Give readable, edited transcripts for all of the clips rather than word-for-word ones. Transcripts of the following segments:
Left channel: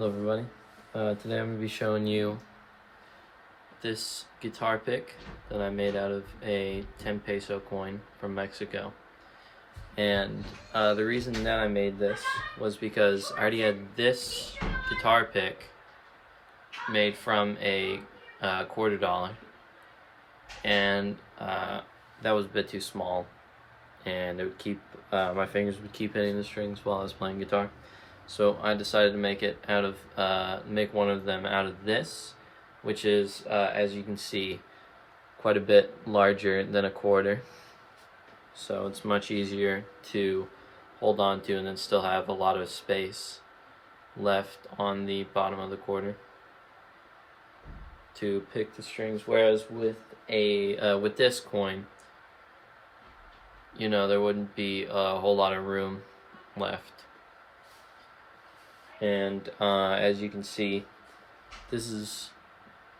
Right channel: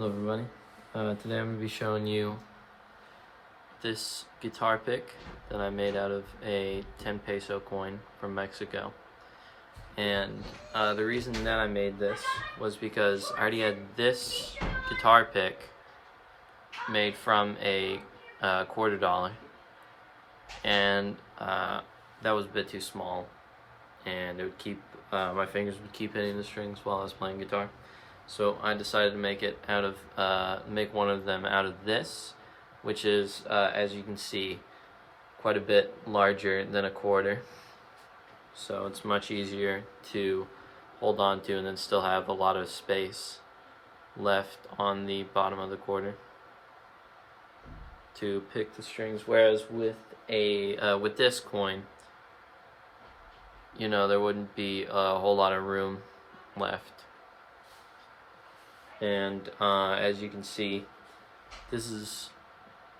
Hello everybody. Today I'm going to be showing you this guitar pick that I made out of a 10 peso coin from Mexico. And the reason that I made this was because I already had this guitar pick made from a $quarter, and that was a bit too small, and it would keep my fingers would keep hitting the strings while I was playing guitar. So I decided to make it out of make one of them out of this, which is as you can see, quite a bit larger than a quarter. So it's much easier to hold on to and then still have a lot of space left on the bottom of the quarter to pick the strings. Whereas with with this coin, you know, there wouldn't be a whole lot of room left. And as you can see, this is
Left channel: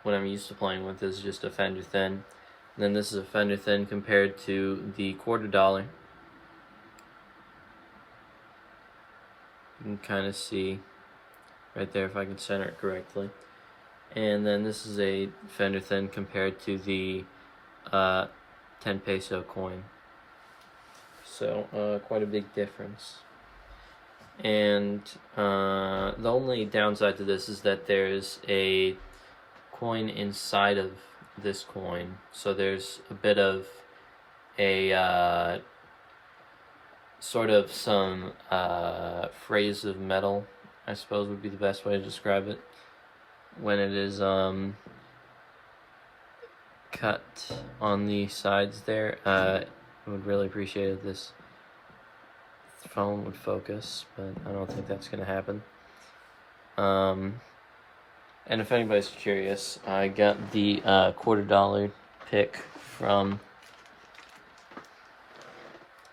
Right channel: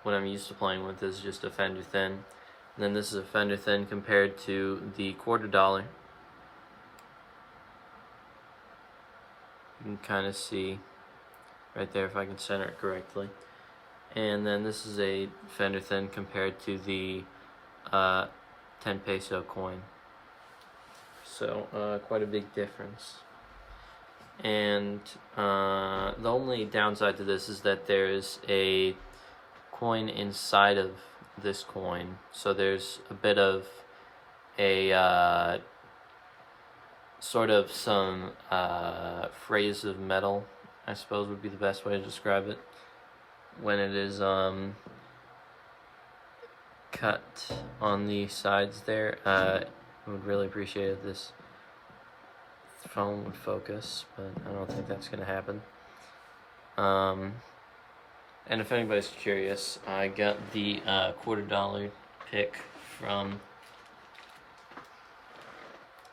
what I'm used to playing with. This is just a Fender Thin. And then this is a Fender Thin compared to the $quarter. You can kind of see right there if I can center it correctly. And then this is a Fender Thin compared to the 10 peso coin. So quite a big difference. And the only downside to this is that there's a coin inside of this coin, so there's a bit of a sort of some phrase of metal, I suppose would be the best way to describe it, when it is cut on the sides there. I would really appreciate if this phone would focus, but I don't think that's gonna happen. And if anybody's curious, I got the $quarter pick from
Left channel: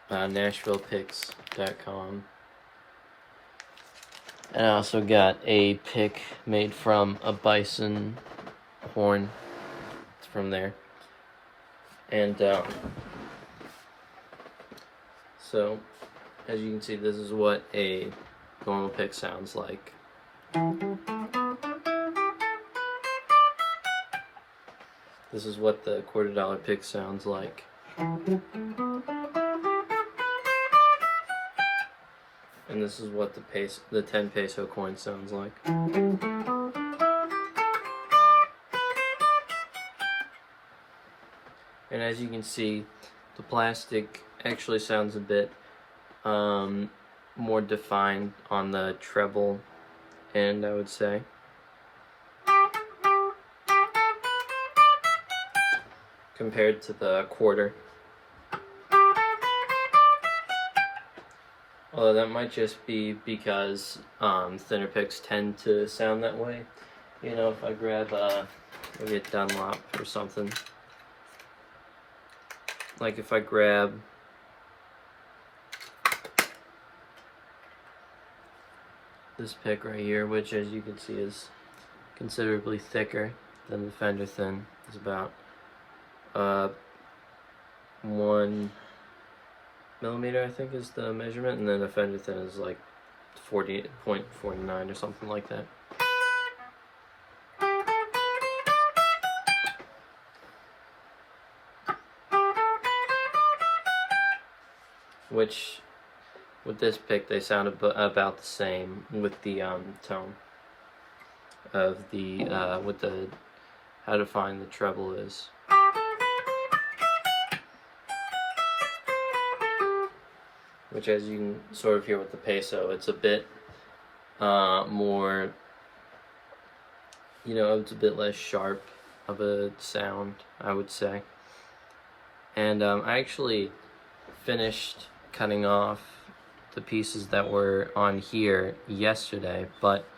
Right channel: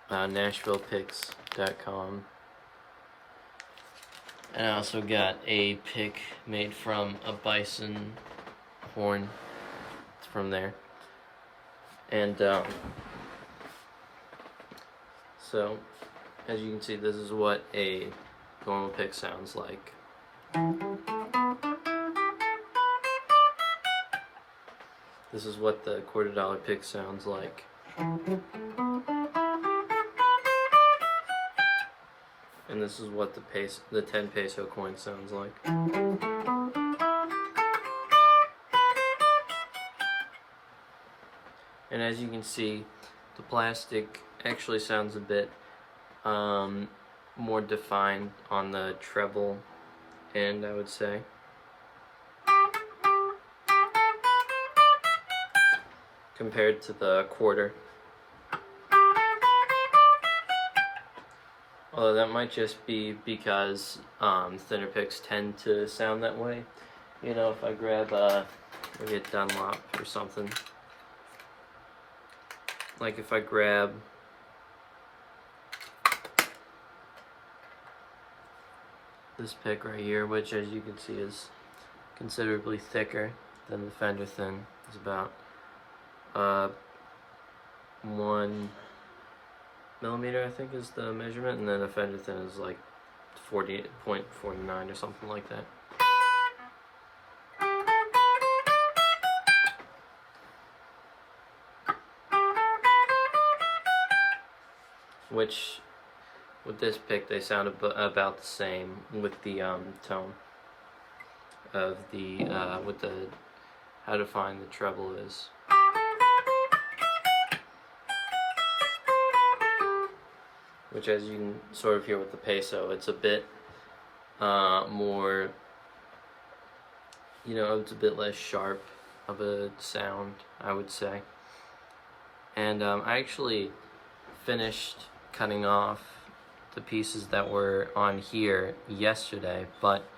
NashvillePicks.com, and I also got a pick made from a bison horn from there. And so as you can see, this is what a normal pick sounds like. This is what the $quarter pick sounds like. And this is what the 10 peso coin sounds like. And as you can see, the plastic actually sounds a bit more defined on the treble end, I would say. Compared to the quarter. Although that might just be because thinner picks tend to sound that way. You know, if I grab maybe a Dunlop or something. Like if I grab this pick right here, which as you can see is considerably thicker than the Fender Thin. It's about 1 millimeter, I think, is the measurement, and then a Fender Thin is like 40.49 or something like that. Which, with this pick, they sound about the same with the tone of the with the how defined the treble is. Which, as you can sort of hear with the peso, it's a bit more, you know, it's a bit less sharp of a sound, I would say. And I actually finished cutting off the pieces that were on here yesterday, but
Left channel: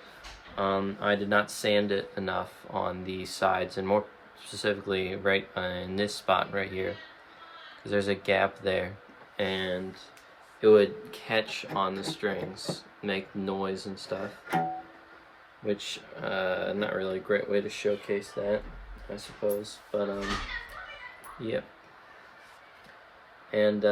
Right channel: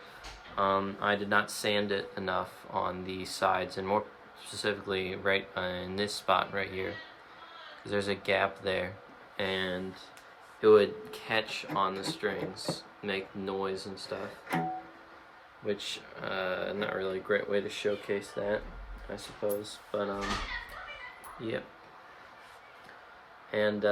I did not sand it enough on the sides, and more specifically right in this spot right here, because there's a gap there, and it would catch on the strings, make noise and stuff, which not really a great way to showcase that, I suppose, but yep. And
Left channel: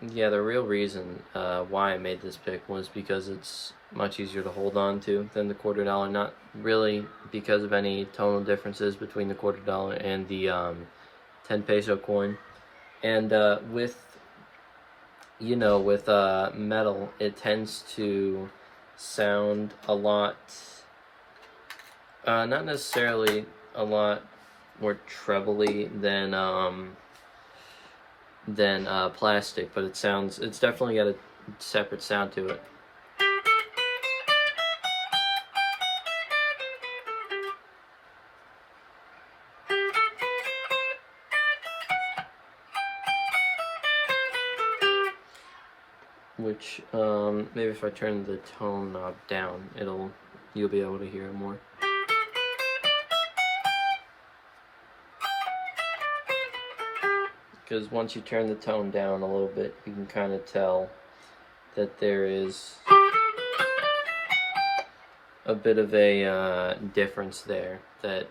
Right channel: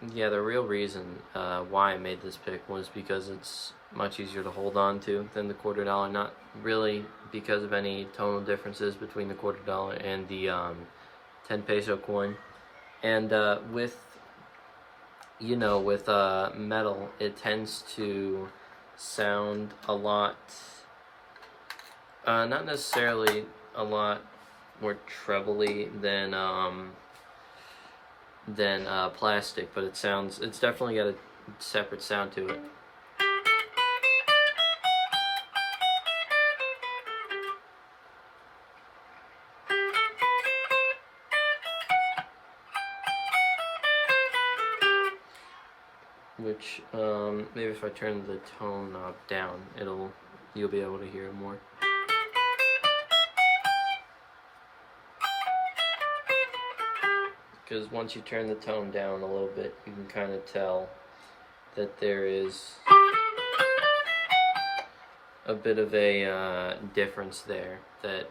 yeah, the real reason why I made this pick was because it's much easier to hold on to than the $1/4. Not really because of any tonal differences between the $1/4 and the 10 peso coin. And with metal, it tends to sound a lot, not necessarily a lot more trebly than plastic, but it's definitely got a separate sound to it. Which maybe if I turn the tone knob down, you'll be able to hear it more. Because once you turn the tone down a little bit, you can kind of tell that there is a bit of a difference there. That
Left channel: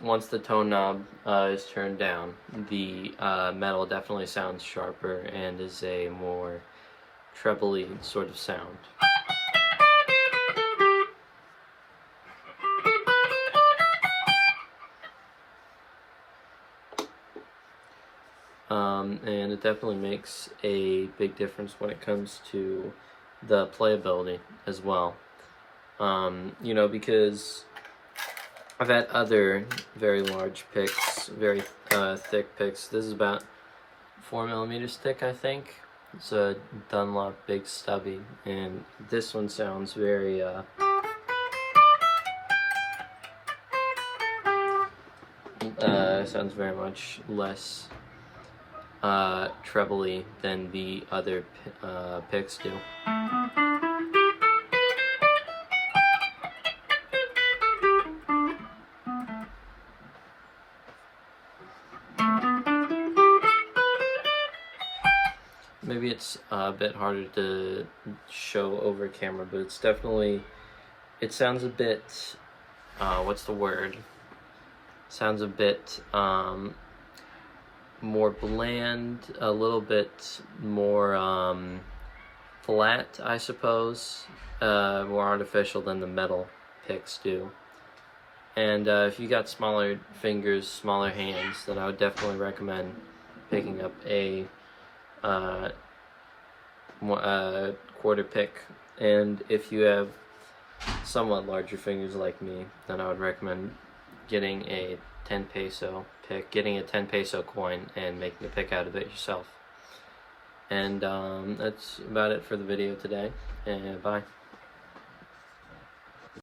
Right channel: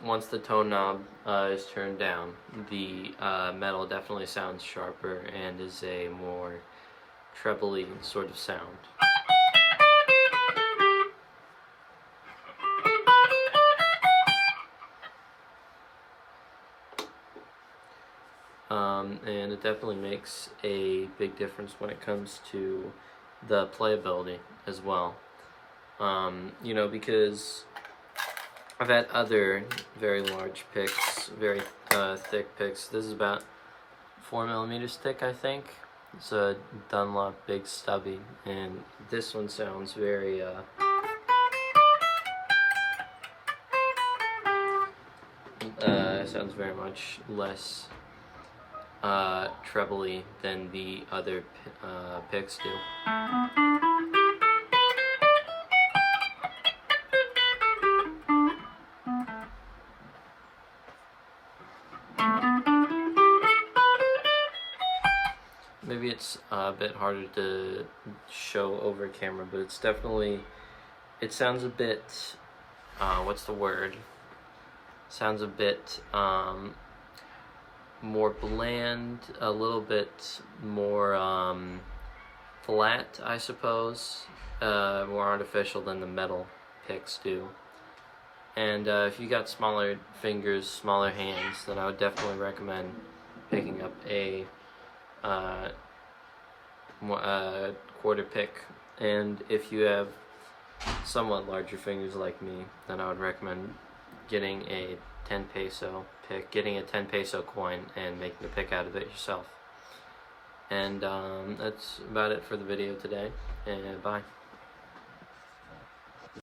once the tone knob is turned down, the metal definitely sounds sharper and is a more trebly sort of sound. And it definitely makes a big difference when it comes to the playability as well. Because I've had other very large picks, very thick picks. This is about 4mm thick, I think. It's a Dunlop Big Stubby, and this one sounds very much less trebly than the other picks do. Maybe it's a bit harder to show over camera, but it sounds a bit, what's the word? Sounds a bit more bland, a little bit more flat, I suppose, more artificial than the metal picks do. And if you got smaller fingers, smaller hands, then I would definitely recommend picking up a quarter pick. And if you have somewhat larger fingers like me, then I would recommend getting a 10 peso pick, getting a 10 peso coin and making a pick out of it yourself. And that's about it for the video today, and bye.